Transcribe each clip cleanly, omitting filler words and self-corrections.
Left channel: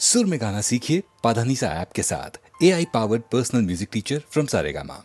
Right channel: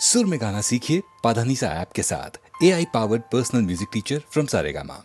सुर में गाना सीखिए पाधानीसा ऐप के साथ। AI powered personal music teacher from Saregama.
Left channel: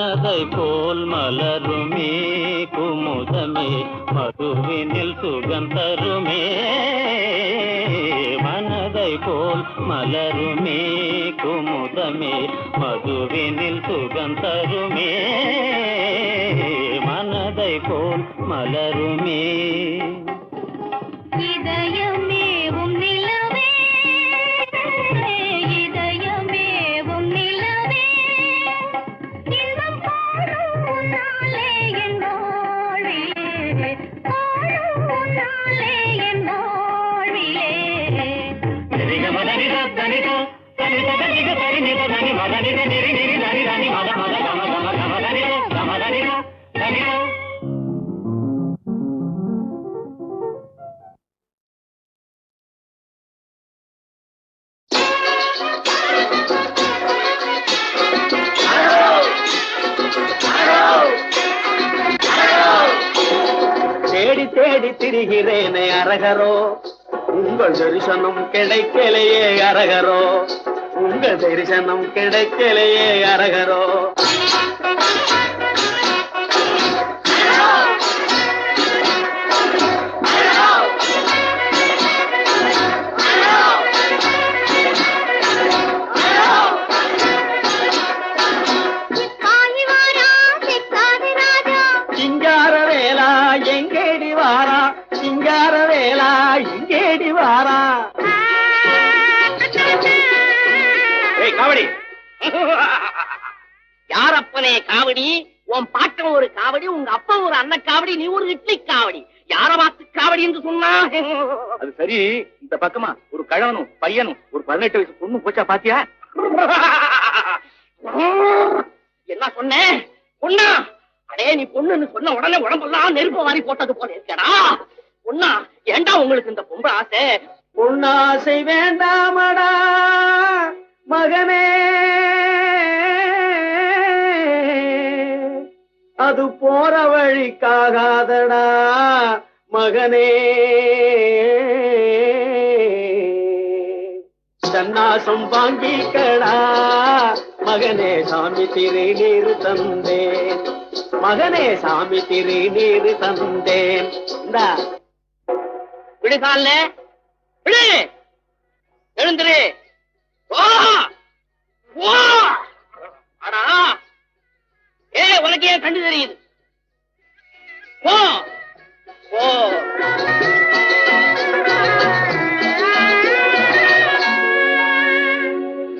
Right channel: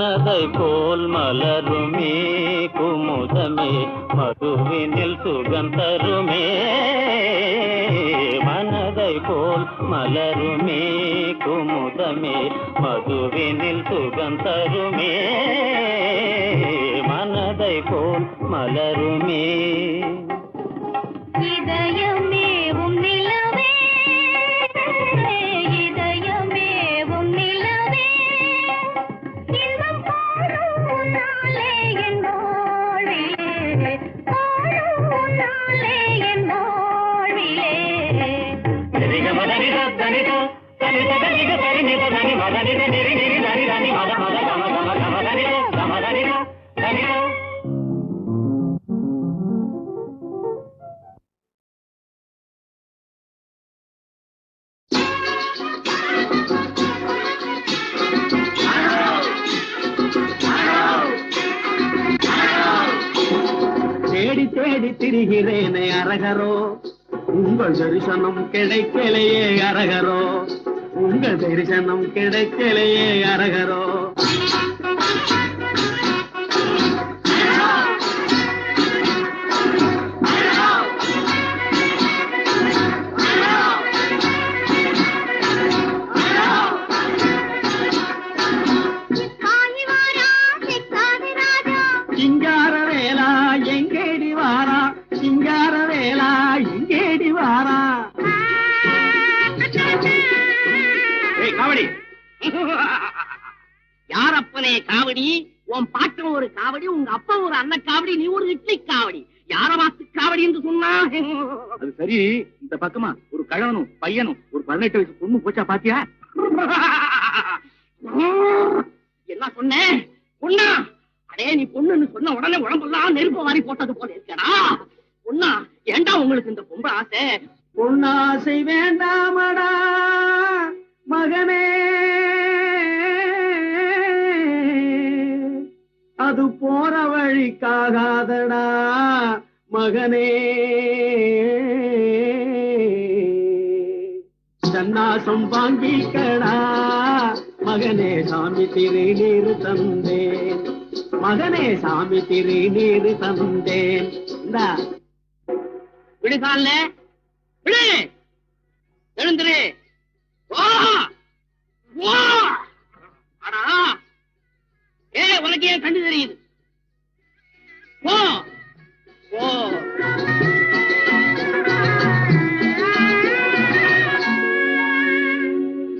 மனதை போல் மலருமே குமுதமே மதுவினில் சுகந்தருமே மனதை போல் மலருமே குமுதமே மதுவினில் சுகந்தருமே மனதை போல் மலருமே இதயமே உன்னிலவே இதயமே உன்னிலவே இன்னும் காணும் நாளே என்னோடிலே காணும் நாளே என்னோடிலே தேடி தேடி திரிகிறேனே அரகரோ உங்கள் தரிசனம் கிடைக்கலையே அரகரோ உங்கள் தரிசனம் கிடைக்கலையே அரகரோ சிங்கார வேலா எங்கேடி வாரா சிங்கார வேலா எங்கேடி வாரா காவடி யாரப்பனே காவடி உன் பாட்டம் ஒரு காவடி உங்க அப்பா ஒரு அன்ன காவடி நீ ஒரு இட்லி காவடி யார பார்த்து காவடி என்று சொன்னா அது சரி இந்த பக்கமா ஒரு கழவனும் பையனும் ஒரு 18 வயசு பொண்ணு போச்சா பாத்தியா என்ன சொன்னேன் பொண்ணா அடே நீ பொண்ணுன்னு சொன்ன உடனே உடம்பெல்லாம் நெருப்பு வாரி போட்டது போல இருக்கடா பொண்ணா ஏண்டா உங்களுக்கு இந்த பொம்பை ஆசை பொண்ணாசை வேண்டாமடா மகனே அது போற வழிக்காகாதடா மகனே சன்னாசம் வாங்கிக்கடா மகனே சாமி திருநீர் தந்தேன் மகனே சாமி திருநீர் தந்தேன் விடுகால விடு எழுந்துரு உனக்கு ஏன் கண்டு தெரியுது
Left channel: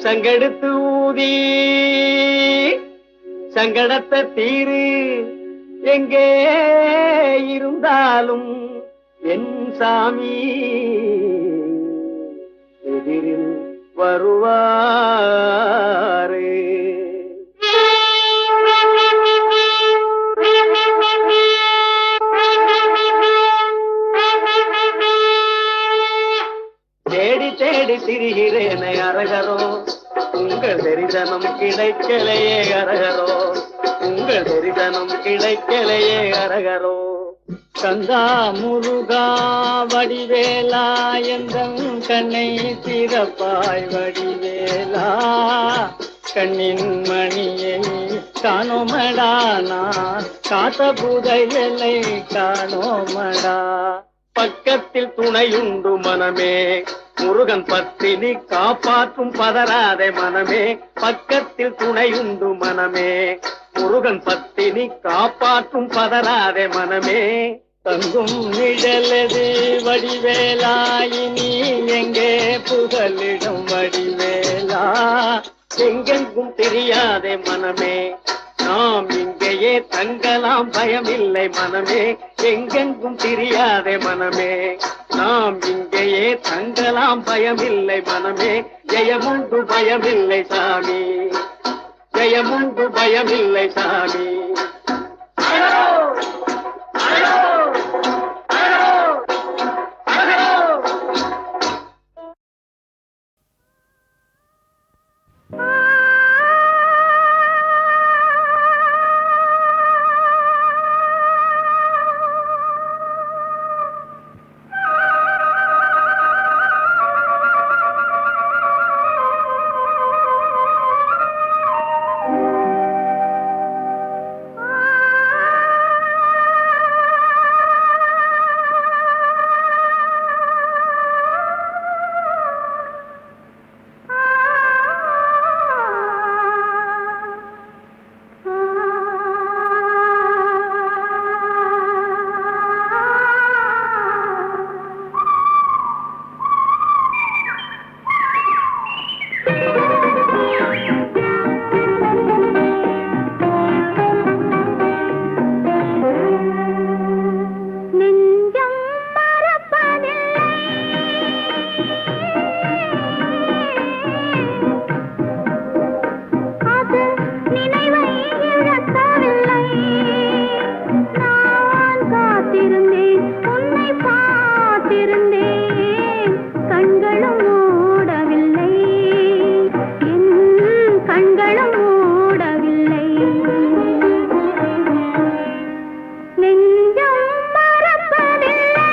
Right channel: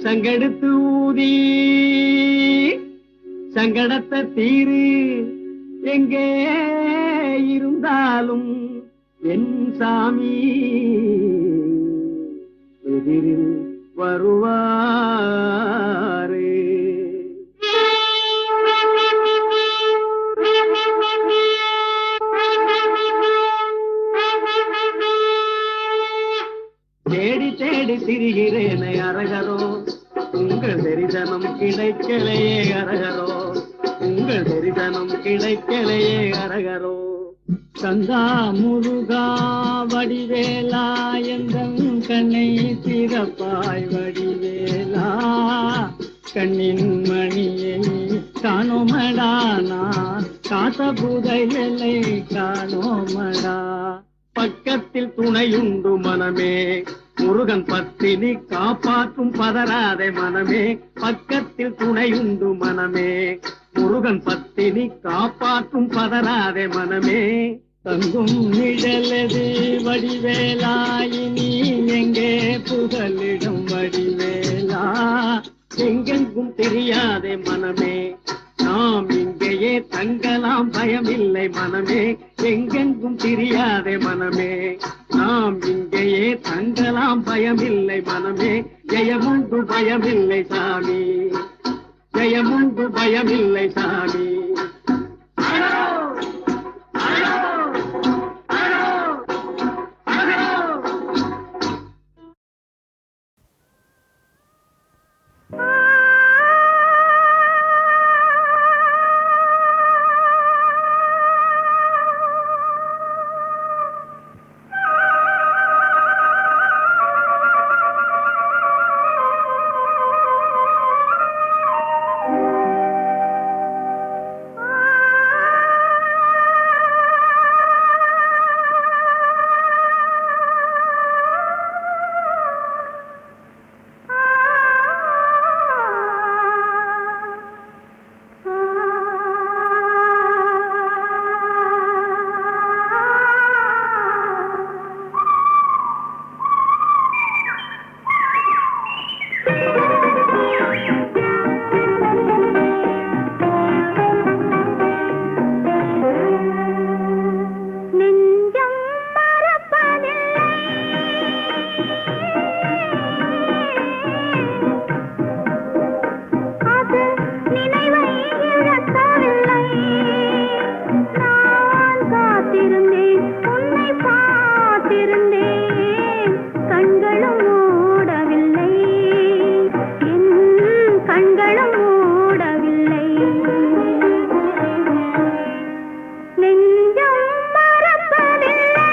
சங்கெடுத்து ஊதி சங்கடத்தை தீரு எங்கே இருந்தாலும் என் சாமி எதிரில் வருவாரே தேடி தேடி திரிகிறேனே அரகரோ உங்கள் தரிசனம் கிடைக்கலையே அரகரோ உங்கள் தரிசனம் கிடைக்கலையே அரகரோ கந்தா முருகா வடிவேலா எந்தம் கண்ணை திறப்பாய் வடிவேலா கண்ணின் மணியை காணோமடா நான் காத்த புதையலை காணோமடா பக்கத்தில் துணையுண்டு மனமே முருகன் பத்தினி காப்பாற்றும் பதறாதே மனமே பக்கத்தில் துணையுண்டு மனமே முருகன் பத்தினி காப்பாற்றும் பதறாதே மனமே தங்கும் நிழலது வடிவேலாயினி எங்கே புகலிடம் வடிவேலா எங்கெங்கும் தெரியாதே மனமே நாம் இங்கேயே தங்கலாம் பயமில்லை மனமே எங்கெங்கும் தெரியாதே மனமே நாம் இங்கேயே தங்கலாம் பயமில்லை மனமே ஜெயமுண்டு பயமில்லை சாமி ஜெயமுண்டு பயமில்லை சாமி கண்களும் மூடவில்லை நெஞ்சம் மறப்பதில்லை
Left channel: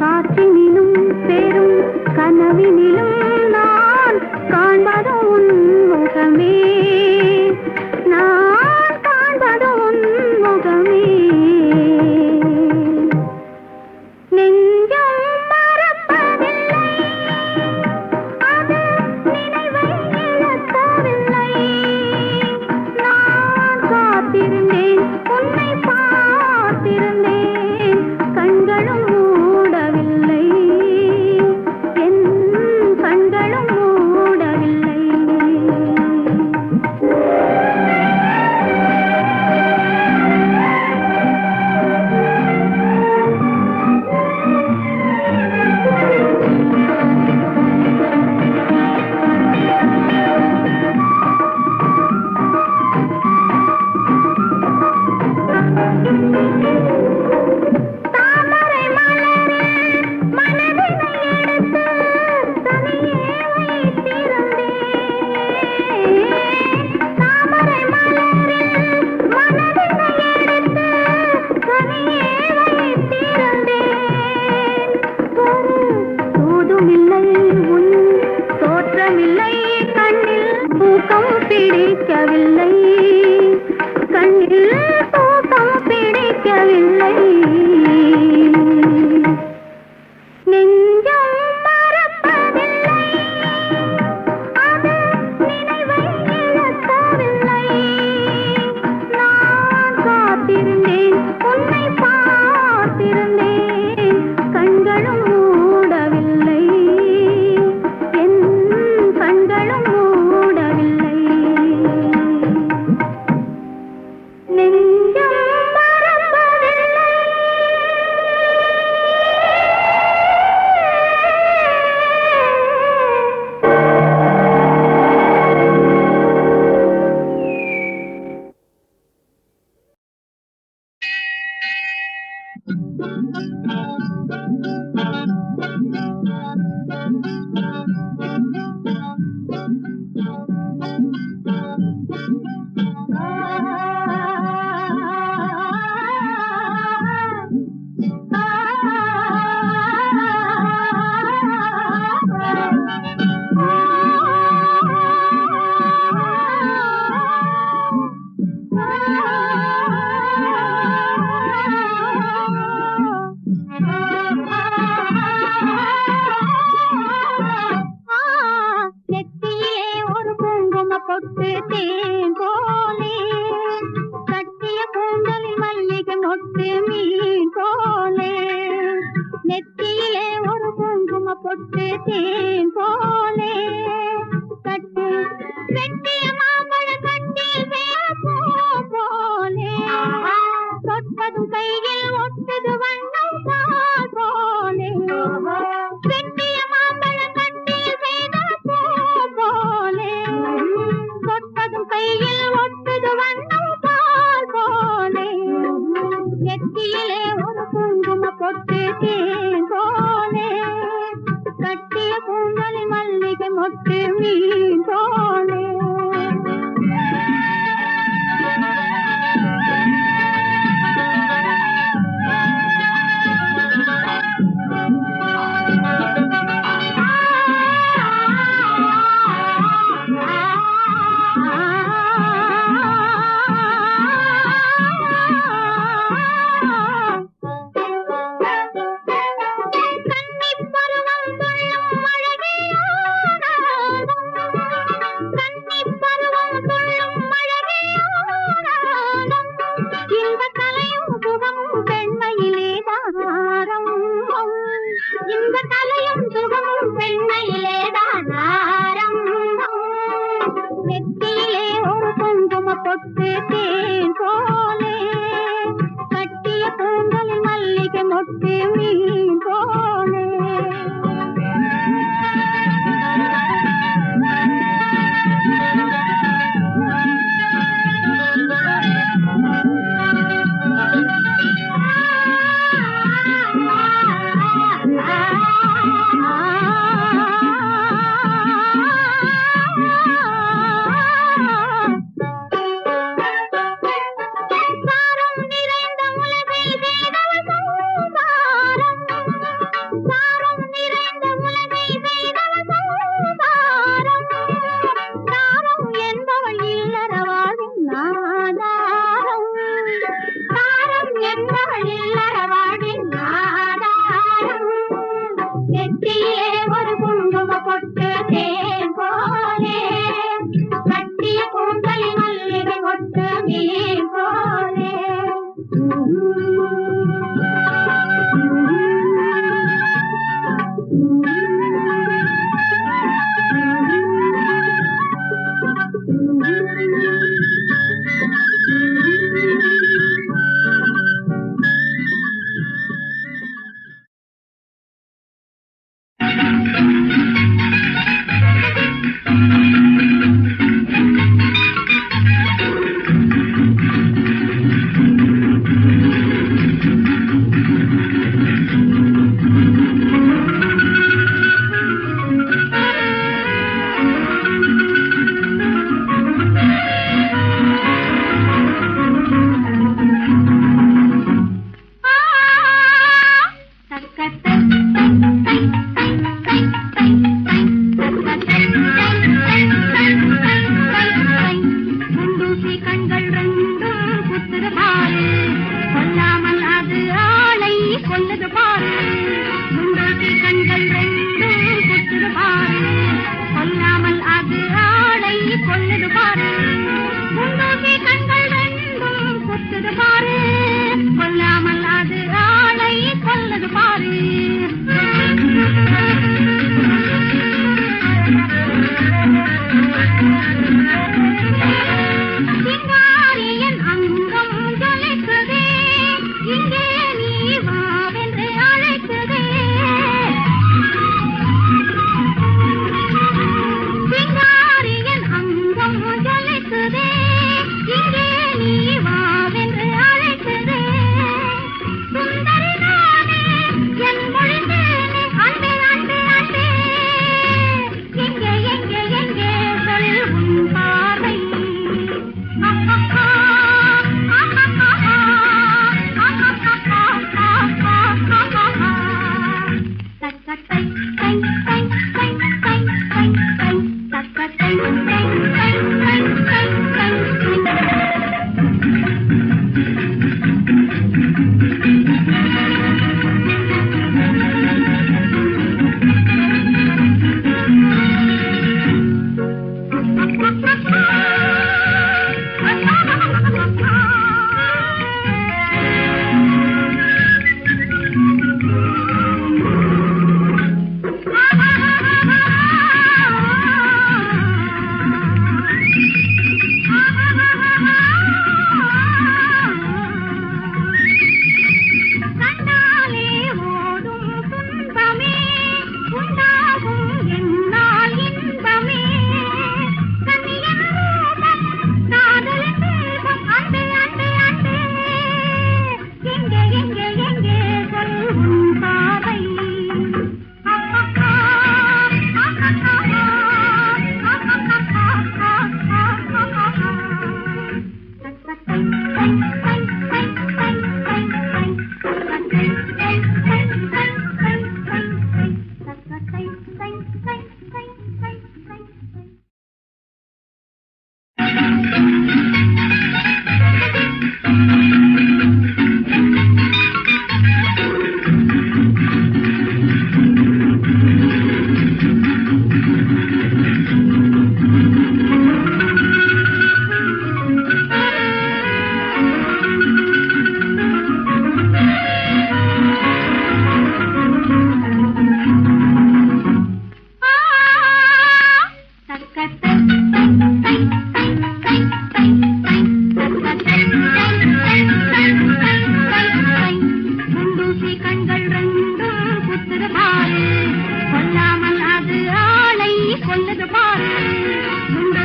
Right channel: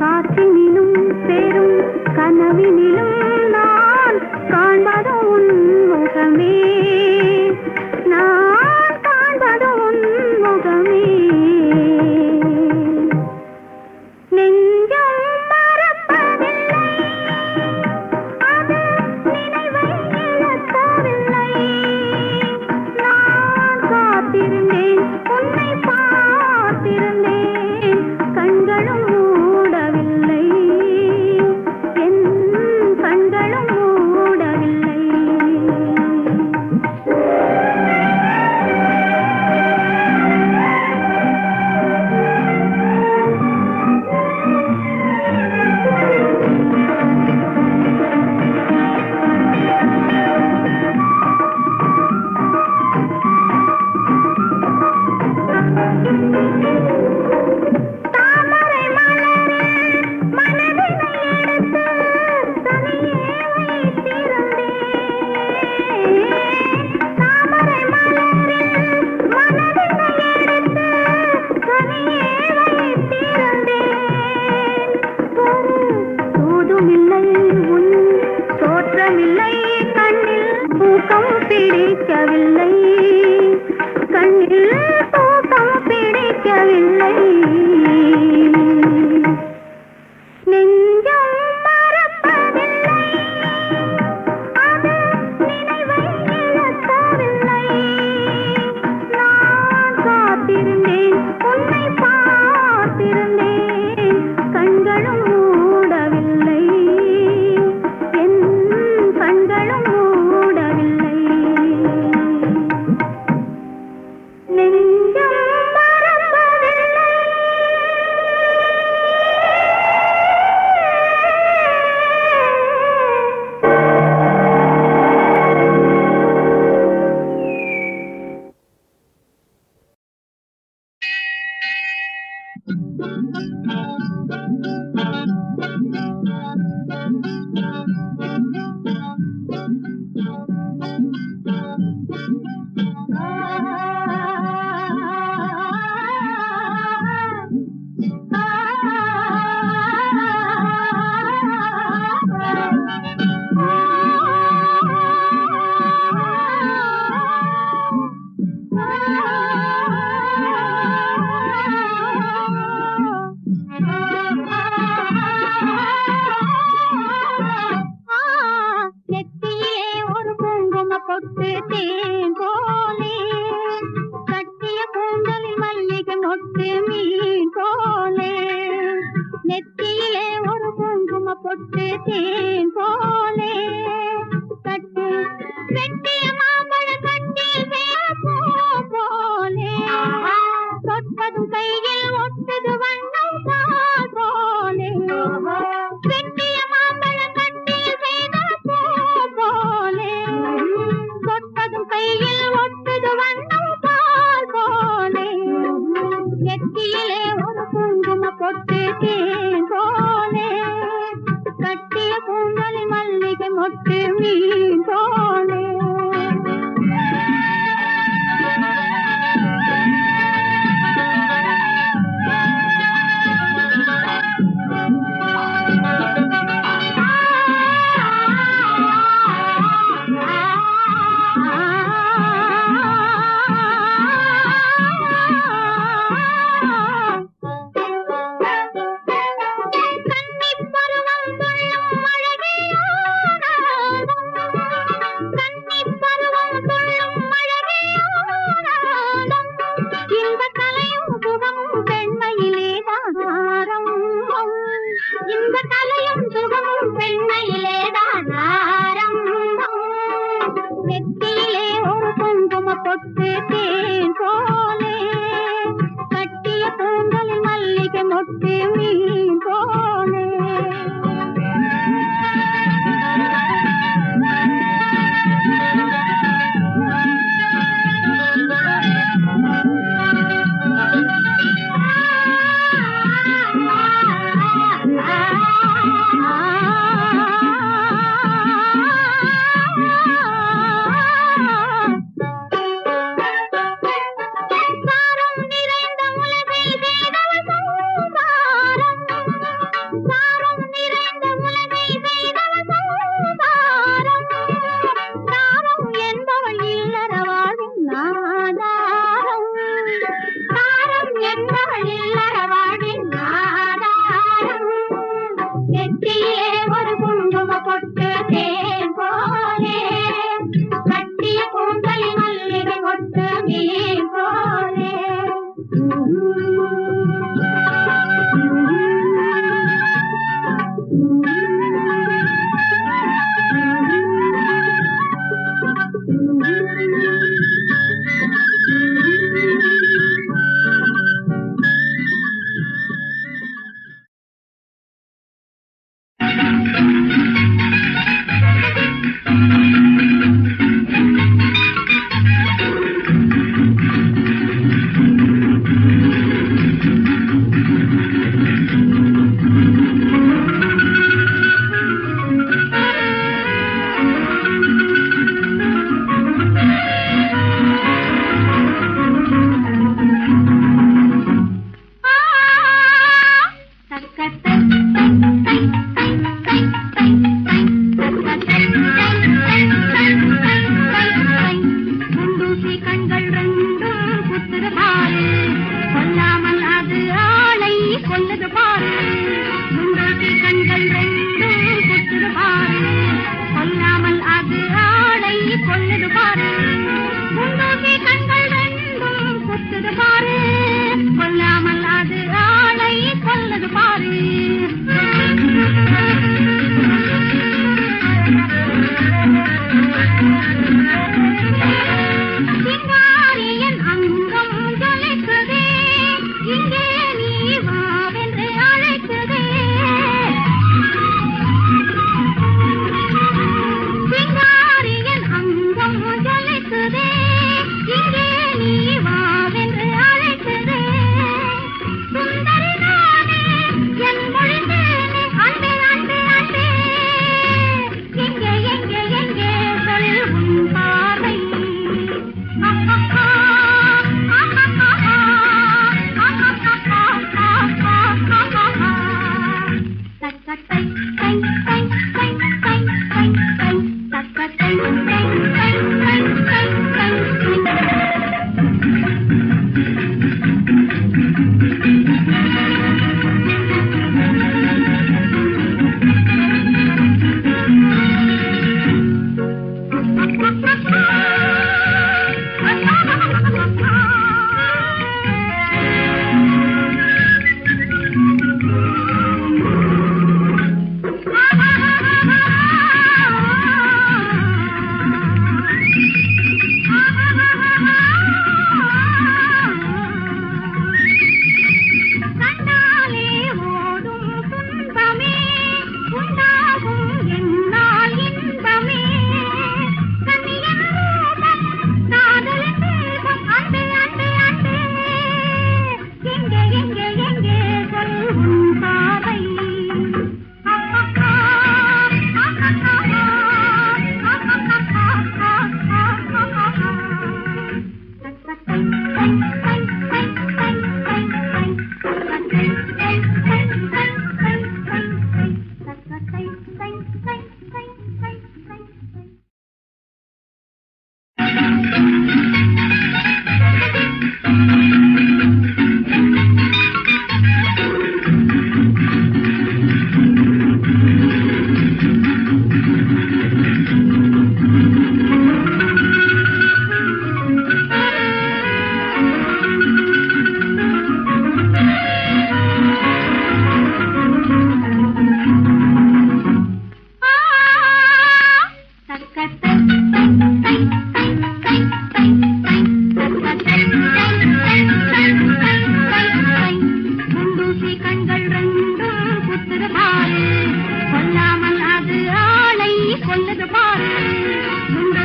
காற்றினிலும் பெரும் கனவினிலும் நான் காண்பது உன் முகமே நான் காண்பது உன் முகமே நெஞ்சம் மறப்பதில்லை அது நினைவை இழக்கவில்லை நான் காத்திருந்தேன் உன்னை பார்த்திருந்தேன் கண்களும் மூடவில்லை என் கண்களும் மூடவில்லை தாமரை மலரில் மனதினை எடுத்து தனியே வைத்திருந்தேன் தாமரை மலரில் மனதினை எடுத்து தனியே வைத்திருந்தேன் ஒரு தூதுமில்லை உன் தோற்றமில்லை கண்ணில் தூக்கம் பிடிக்கவில்லை கண்ணில் தூக்கம் பிடிக்கவில்லை நெஞ்சம் மறப்பதில்லை அது நினைவை இழக்கவில்லை நான் காத்திருந்தேன் உன்னை பார்த்திருந்தேன் கண்களும் மூடவில்லை என் கண்களும் மூடவில்லை நெஞ்சம் மறப்பதில்லை நெத்தியே ஒரு குங்கும பொட்டு தேன் போலே கட்டிய கூந்தலில் மல்லிகை மொட்டு மீன் போலே நெத்தியிலே ஒரு குங்கும பொட்டு தேன் போலே கட்டு வெட்டிய மாம்பழ கட்டில் பூ போலே தொட்டதும் கையில் ஒட்டது வண்ணம் பால் போலே வெட்டிய மாம்பழ கட்டில் செய்த பூ போலே தொட்டதும் கையில் ஒட்டது வண்ணம் பால் போலே நெத்தியிலே ஒரு குங்கும பொட்டு தேன் போலே கட்டிய கூந்தலில் மல்லிகை மொட்டு மீன் போலே கன்னிப் பருவம் துள்ளும் அழகியானதும் மொட்டு தேன் போலே கட்டிய கூந்தலில் மல்லிகை மொட்டு மீன் போலே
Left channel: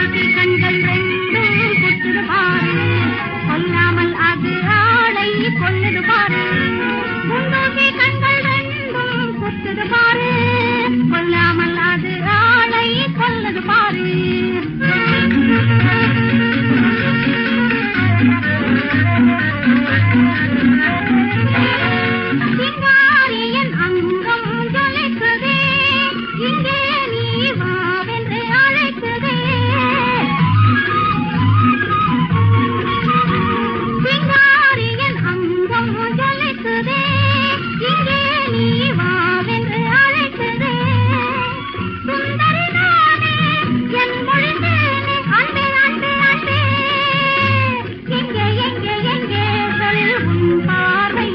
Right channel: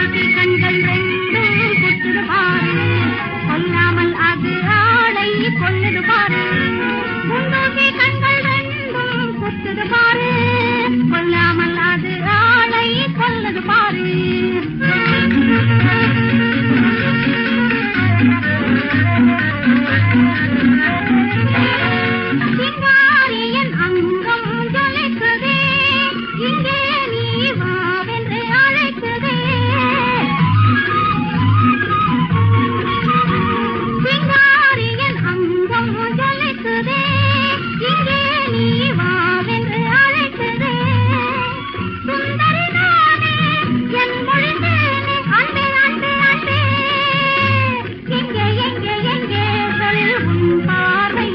குண்டூசி கண்கள் ரெண்டும் குத்துது பாரு, கொல்லாமல் அது ஆளை கொல்லுது பாரு. குண்டூசி கண்கள் ரெண்டும் குத்துது பாரு, கொல்லாமல் அது ஆளை கொல்லுது பாரு. சிங்காரியன் அங்கம் ஜொலிக்குதே, இங்கே நீ வாவென்று அழைக்குதே. சிங்காரியன் அங்கம் ஜொலிக்குதே, இங்கே நீ வாவென்று அழைக்குதே. சுந்தரி நானே என் மொழிந்தேனே, அன்பே அன்பே அன்பே, எங்கே எங்கே எங்கே சொல் உன் பார்வை.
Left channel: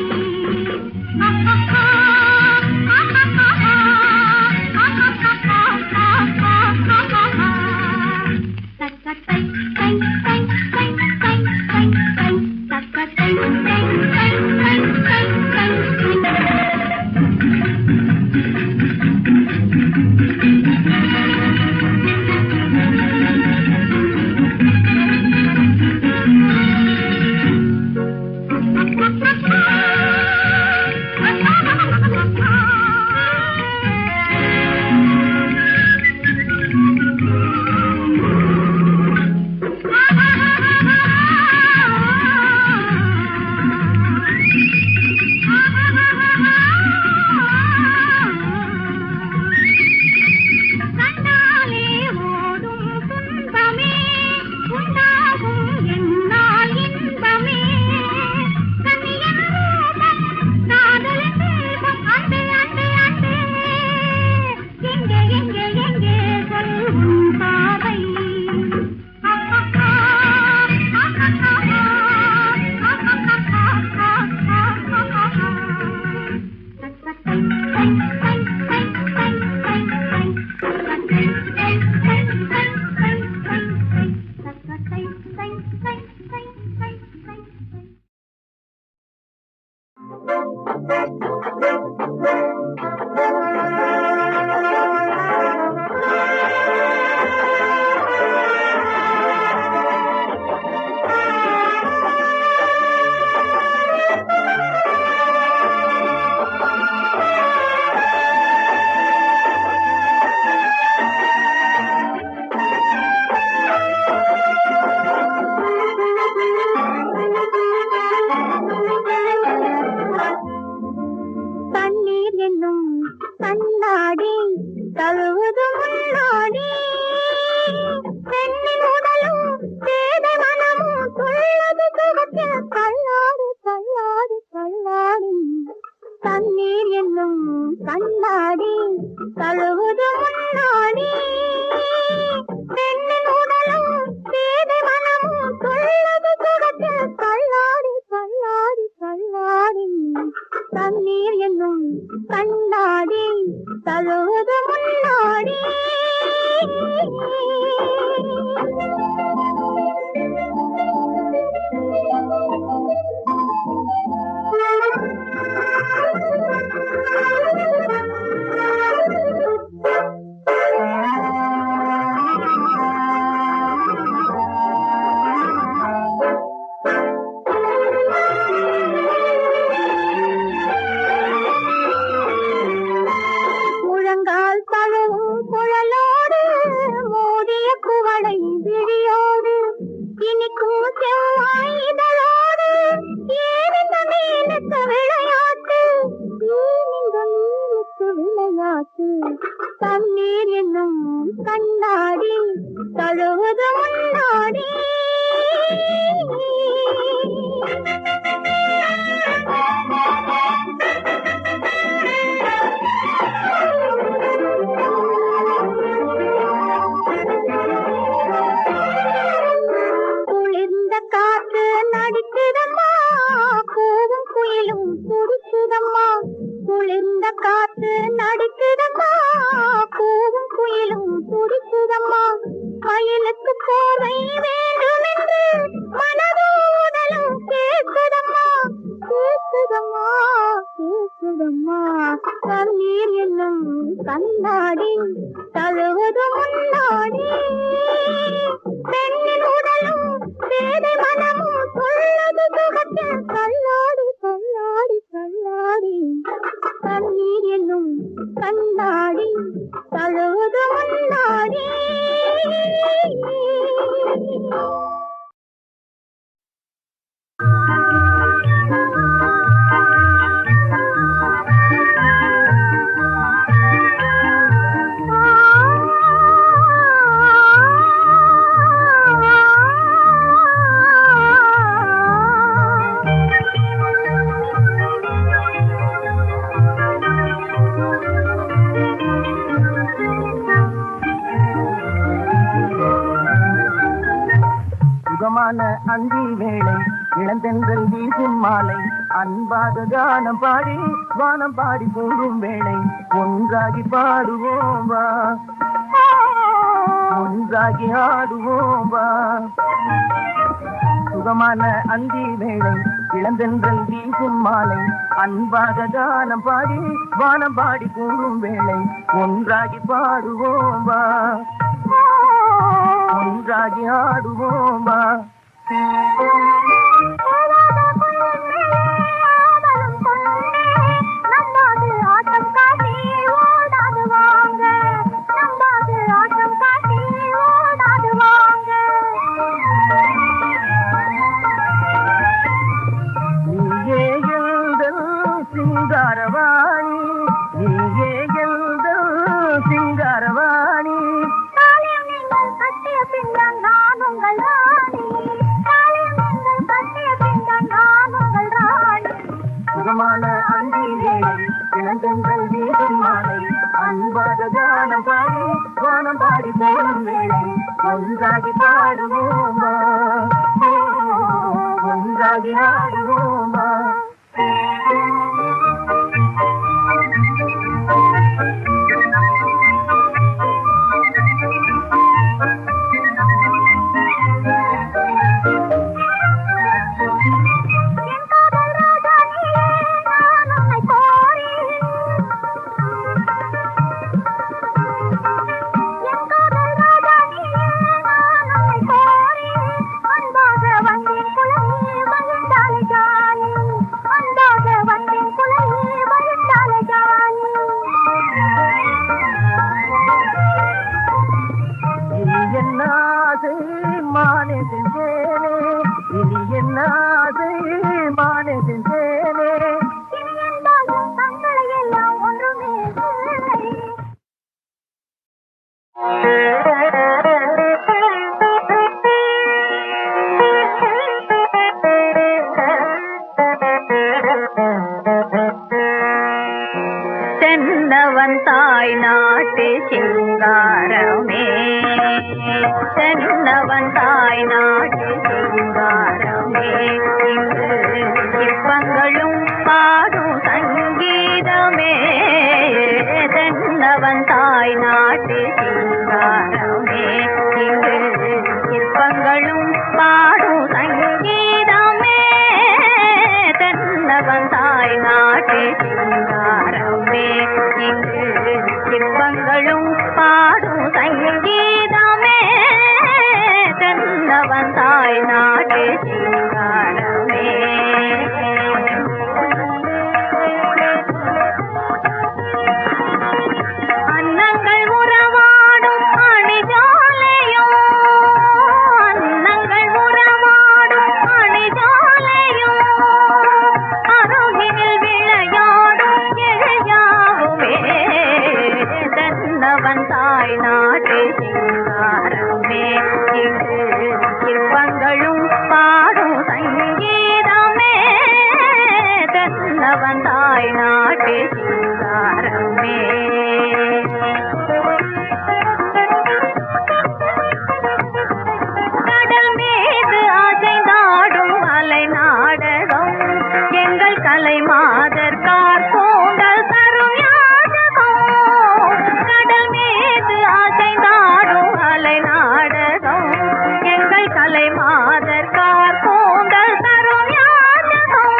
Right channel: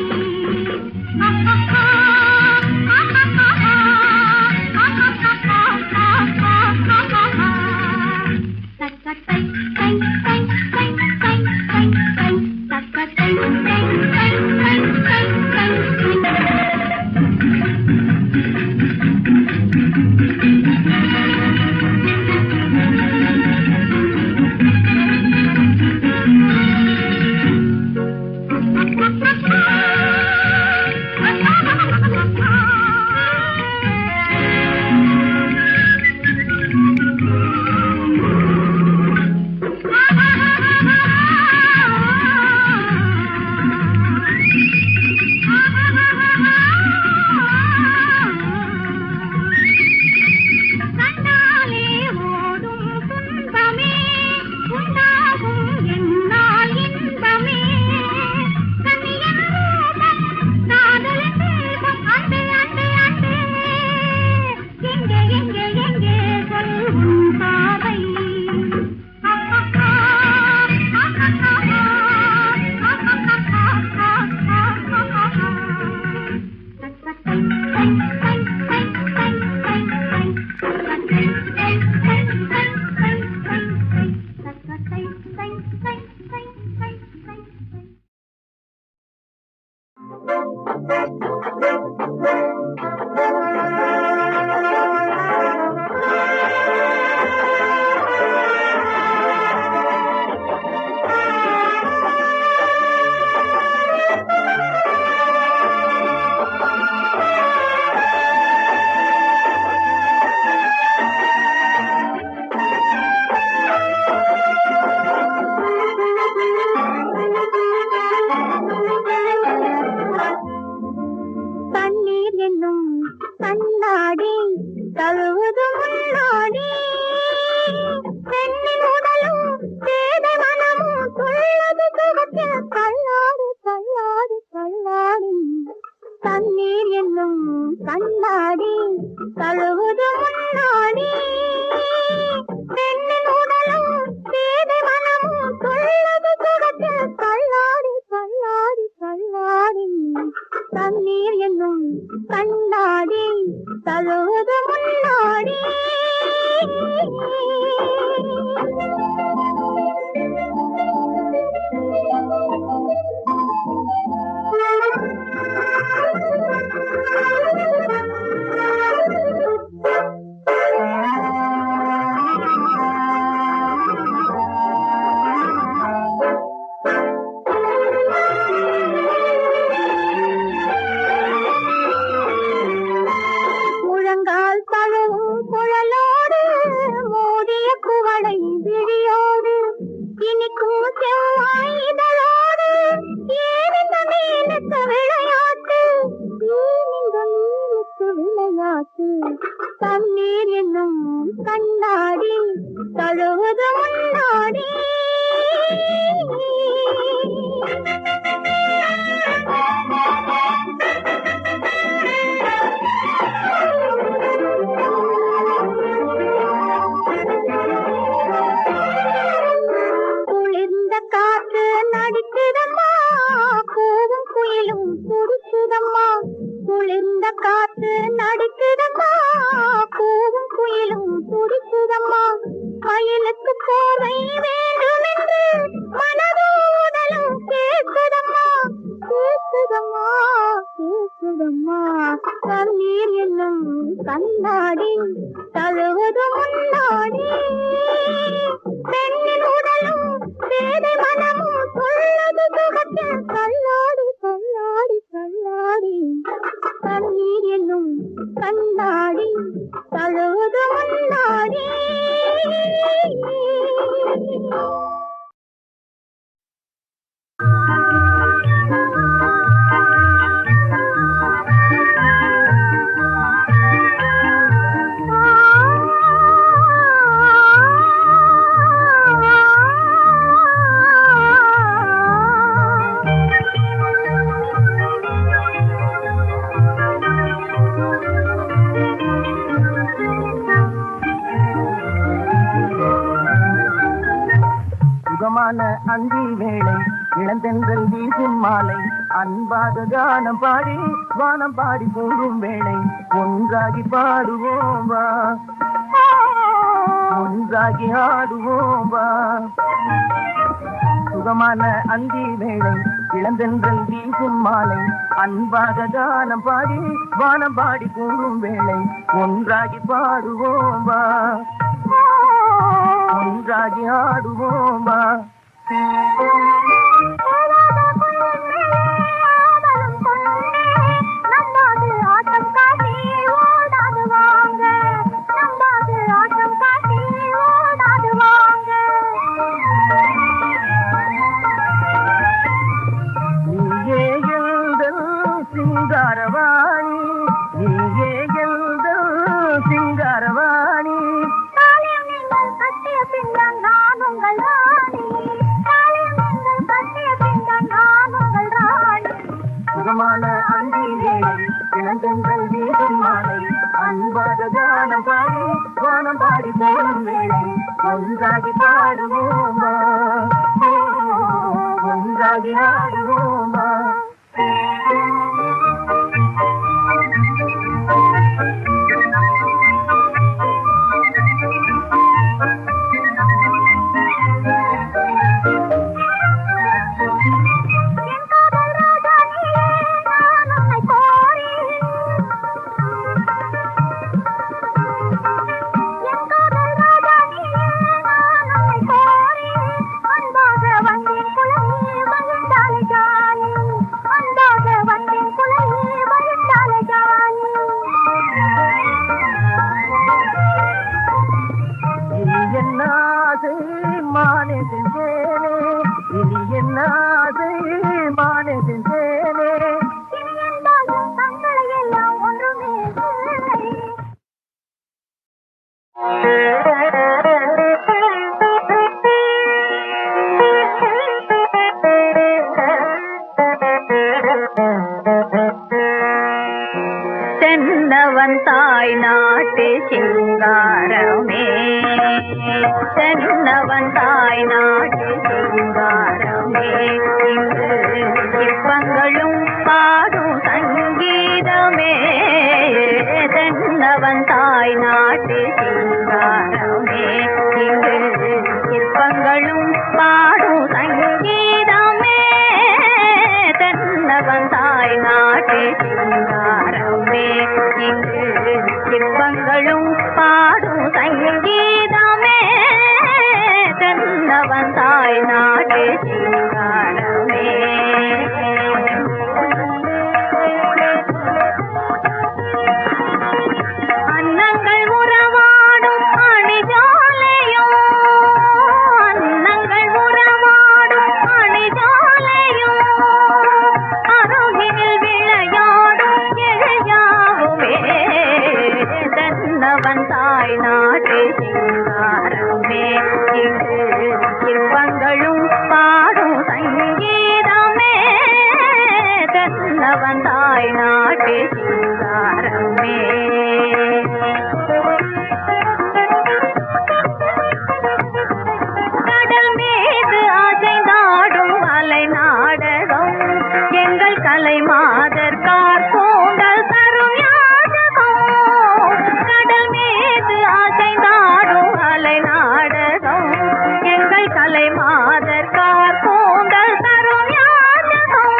கண்டாலே ஓடும் துன்பமே உண்டாகும் என்னால் இன்பமே. கண்ணியின் ரூபம் காதலின் தீபம், அன்பே அன்பே அன்பே, எங்கே எங்கே எங்கே சொல் உன் பாதை. தண்ணீர் என்னும் கண்ணாடி தழுவது முன்னாடி, பெண்ணின் உடலும் பேதை மனமும் துள்ளது சுகத்தில் தள்ளாடு தள்ளாடு தள்ளாடி. தண்ணீர் என்னும் கண்ணாடி தழுவது முன்னாடி, பெண்ணின் உடலும் பேதை மனமும் துள்ளது சுகத்தில் தள்ளாடி தள்ளாடி தள்ளாடி. தண்ணீர் என்னும் கண்ணாடி தழுவது முன்னாடி. முழங்கால் தழுவும் குழலோடு மூடிய குவளை விழியோடு, இனிக்கும் செவ்வாய் இதழோடு, ஏனிந்த மீனுக்கு விளையாட்டு, ஏனிந்த மீனுக்கு விளையாட்டு. தண்ணீர் என்னும் கண்ணாடி தழுவது முன்னாடி. குளிர்ந்த காற்று நடிக்குதம்மா, கூவும் குயிலும் துடிக்குதம்மா. குளிர்ந்த காற்று நடிக்குதம்மா, கூவும் குயிலும் துடிக்குதம்மா. மயிலுக்கு போதை வேண்டுமென்று மனதோடலும் கேட்குதம்மா, கேட்குதம்மா கேட்குதம்மா. தண்ணீர் என்னும் கண்ணாடி தழுவது முன்னாடி. சுகமான அந்தி வேளை இளந்தென்றல் வீசும் மாலை அன்பாக கானம் பாடி வானம் பாடி கூறும் வேளை ஒன்றாகி பாடுவோம் வா ஒன்றாகி ஆடுவோம் வா சுகமான அந்தி வேளை இளந்தென்றல் வீசும் மாலை அன்பாக கானம் பாடி வானம் பாடி கூறும் வேளை ஒன்றாகி பாடுவோம் வா ஒன்றாகி ஆடுவோம் வா சிங்காரவாணி நீயே எங்கள் சிங்காரவாணி கட்டிய பின்னால் நான் உங்கள் ராணி கட்டிய பின்னால் நான் உங்கள் ராணி சுகமான அந்தி வேளை இளந்தென்றல் வீசும் மாலை அன்பாக கானம் பாடி வானம் பாடி போடும் வேளை ஒன்றாகி பாடுவோமா ஒன்றாகி ஆடுவோமா தென்னவன் தாய் நாட்டு சிங்காரமே தென்னவன் தாய் நாட்டு சிங்காரமே இங்கு சிற்பங்களும் பாடும் சங்கீதமே தென்னவன் தாய் நாட்டு சிங்காரமே இங்கு சிற்பங்களும் பாடும் சங்கீதமே தென்னவன் தாய் நாட்டு சிங்காரமே இங்கு சிற்பங்களும் பாடும் சங்கீதமே தென்னவன் தாய் நாட்டு சிங்காரமே அன்னங்கள் உறவாடும் அணிஜாலையோ அன்னங்கள் உறவாடும் அணிஜாலையோ அருகினில் விளையாடும் எழையாகுமே தென்னவன் தாய் நாட்டு சிங்காரமே இங்கு சிற்பங்களும் பாடும் சங்கீதமே தென்னவன் தாய் நாட்டு சிங்காரமே கடல் மீது அசைந்தாடும் அலை நாடகம் எங்கள் கலை மாதர் கார்கோண்டல் தரும் யாதகம் கடல் மீது அசைந்தாடும் அலை நாடகம் எங்கள் கலை மாதர் கார்கோண்டல் தரும் யாதகம்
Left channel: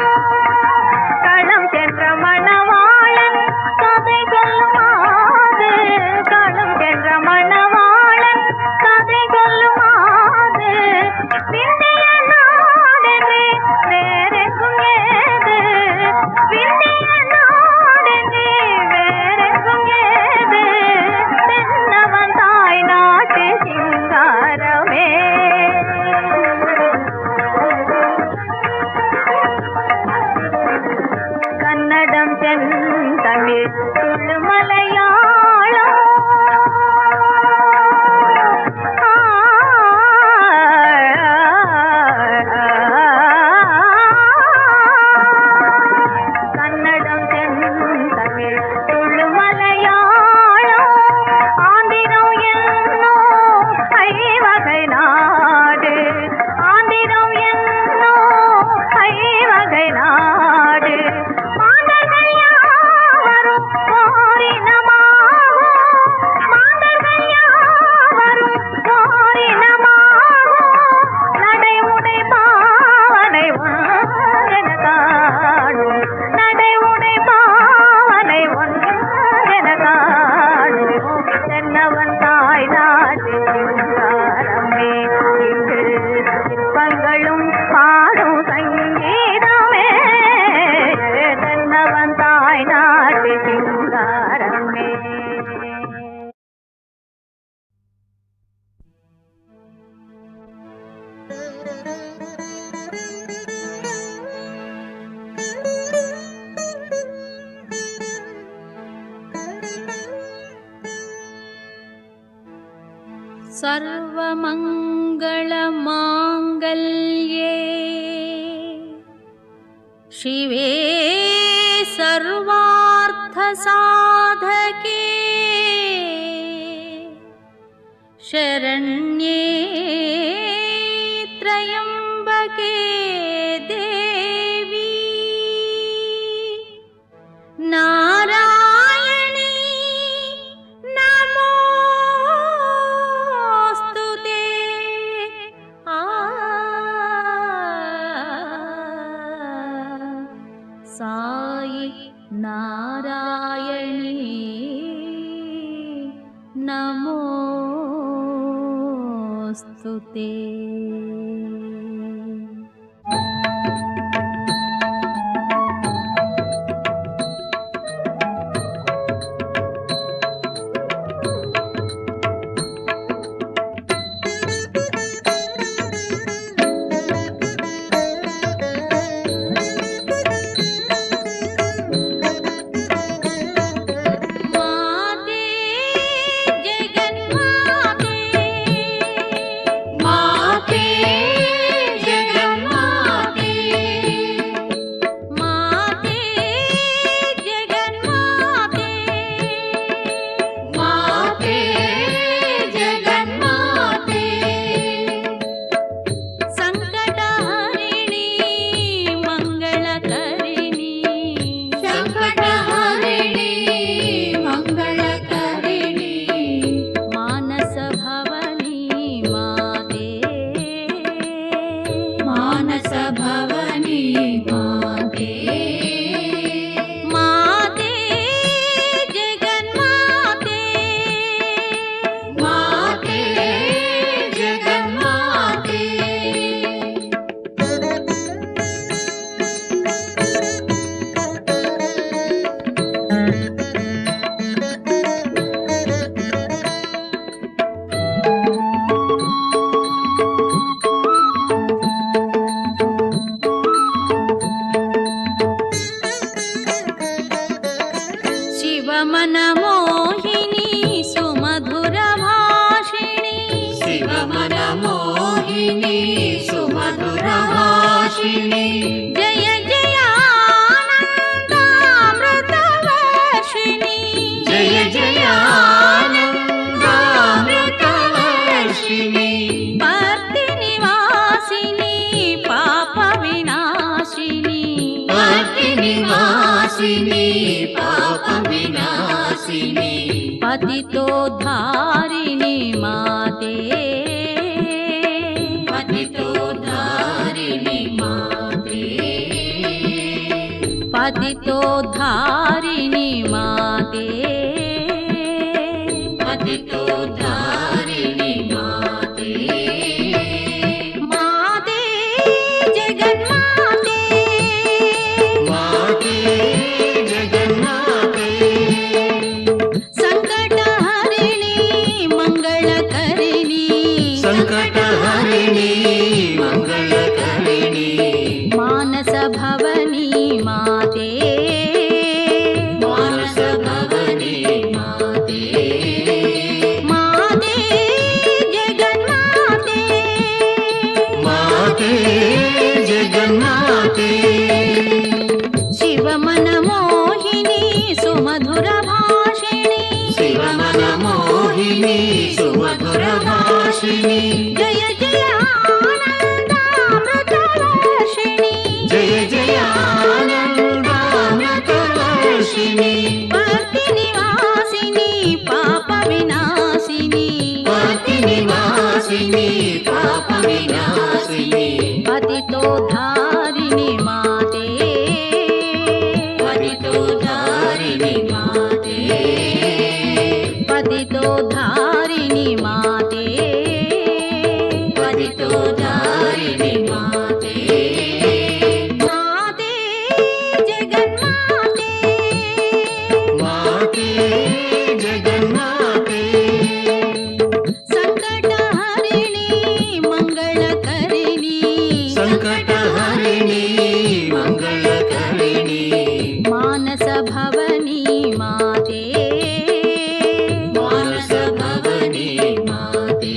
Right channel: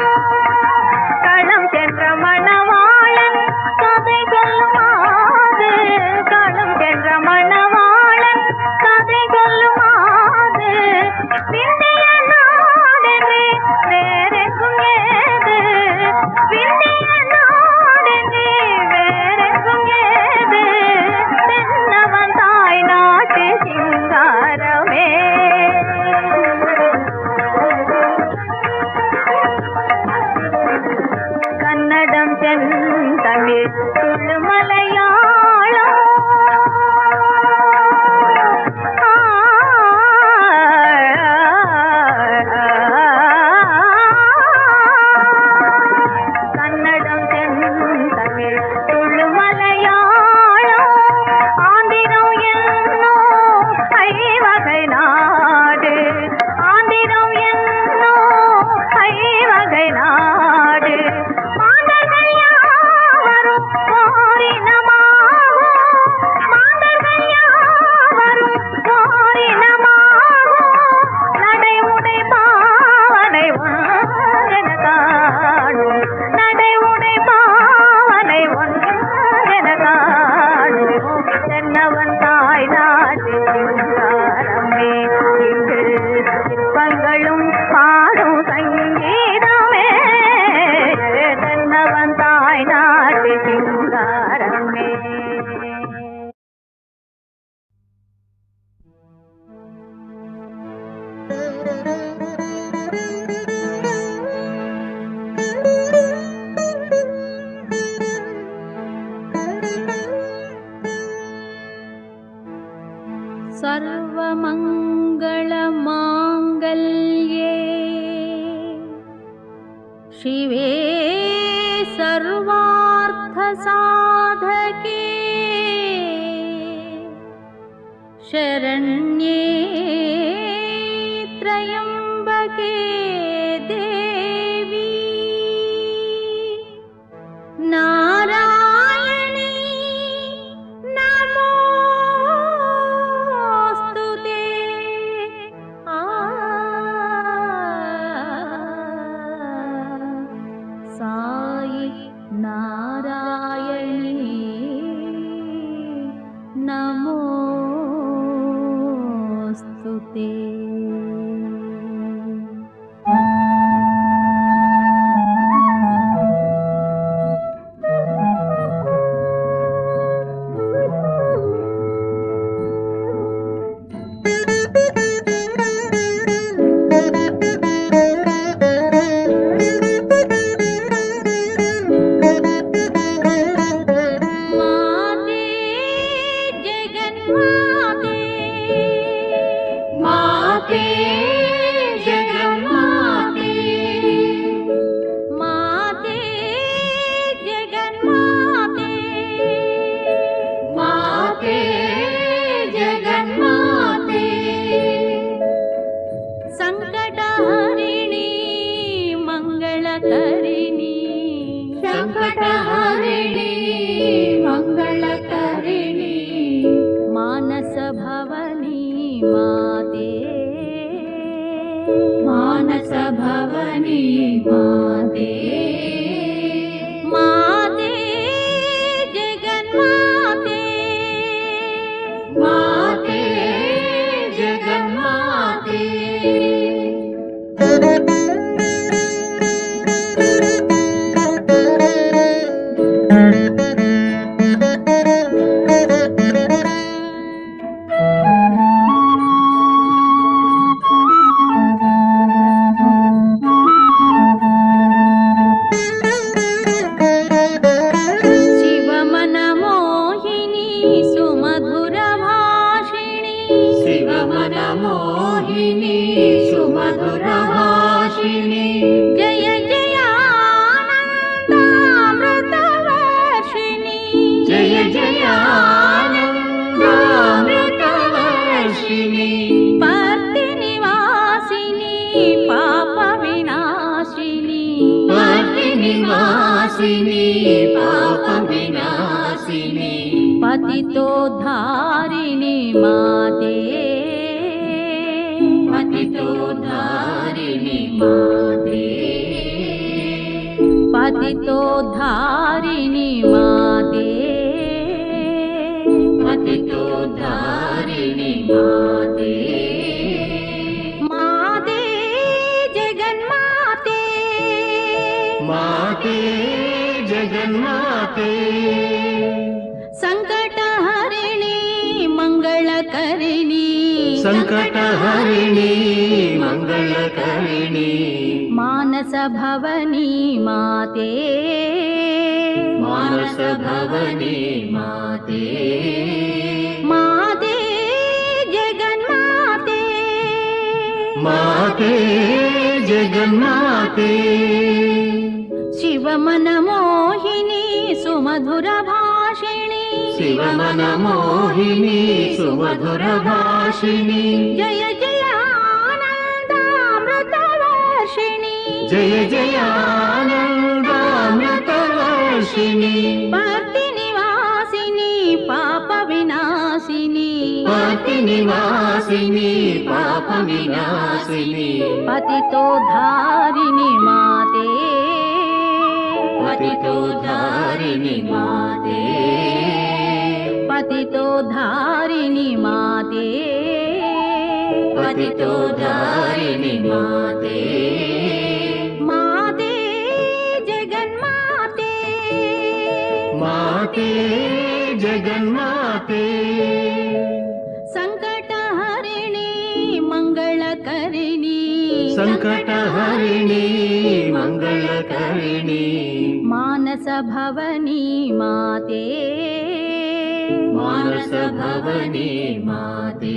களம் சென்ற மணவாளன் கதை சொல்லுமாது களம் சென்ற மணவாளன் கதை சொல்லுமாது விந்திய நாடென்று வேறெங்கும் ஏது விந்திய நாடென்று வேறெங்கும் ஏது தென்னவன் தாய் நாட்டு சிங்காரமே கன்னடம் செந்தமிழ் துளு மலையாளம் கன்னடம் செந்தமிழ் துளு மலையாளம் ஆந்திரம் என்னோ ஐவர் सर्वमङ्गलमाङ्गल्ये शिवे सर्वार्थसाधके शरण्ये त्र्यम्बके देवी नारायणी नमोस्तुते। साई नारायणी नमोस्तुते। पतितोद्धारिणी माते पतितोद्धारिणी माते पतितोद्धारिणी माते पतितोद्धारिणी माते माते जगन्माते माते जगन्माते संकटहरिणी मंगलकरिणी मानस भवनी माते मानस भवनी माते माते जगन्माते माते जगन्माते शिवमनमोहिनी सुमधुरभाषिणी शिवमनमोहिनी सुमधुरभाषिणी जय जय आनन्दामृतवर्षिणी जय जय आनन्दामृतवर्षिणी भक्तिनिवासिनी पापविनाशिनी भक्तिनिवासिनी पापविनाशिनी पतितोद्धारिणी माते पतितोद्धारिणी माते पतितोद्धारिणी माते पतितोद्धारिणी माते माते जगन्माते माते जगन्माते संकटहरिणी मंगलकरिणी संकटहरिणी मंगलकरिणी मानस भवनी माते मानस हंसभवने माते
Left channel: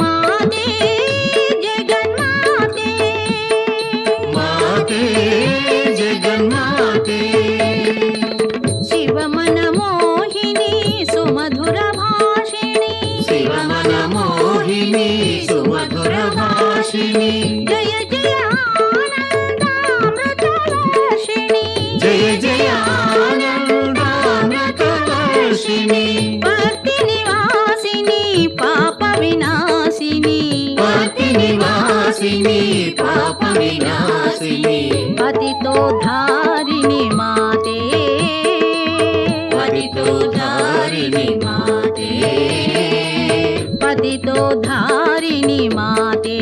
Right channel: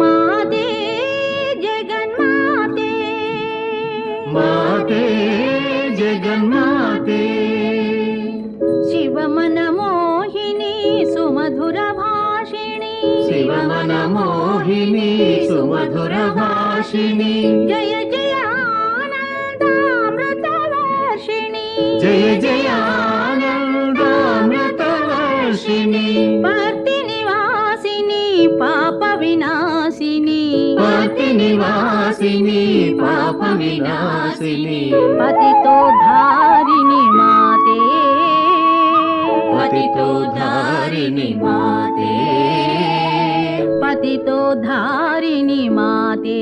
माते जगन्माते माते जगन्माते शिवमनमोहिनी सुमधुरभाषिणी शिवमनमोहिनी सुमधुरभाषिणी जय जय आनन्दामृतवर्षिणी जय जय आनन्दामृतवर्षिणी भक्तिनिवासिनी पापविनाशिनी पतिनिवासिनी पापविनाशिनी पतितोद्धारिणि माते पतितोद्धारिणि माते पतितोद्धारिणि माते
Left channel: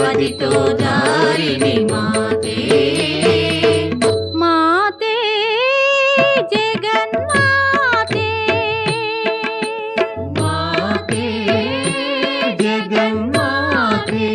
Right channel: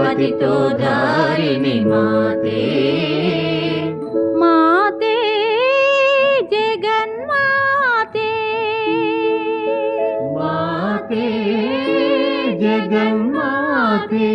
पतितोद्धारिणि माते माते जगन्माते माते जगन्माते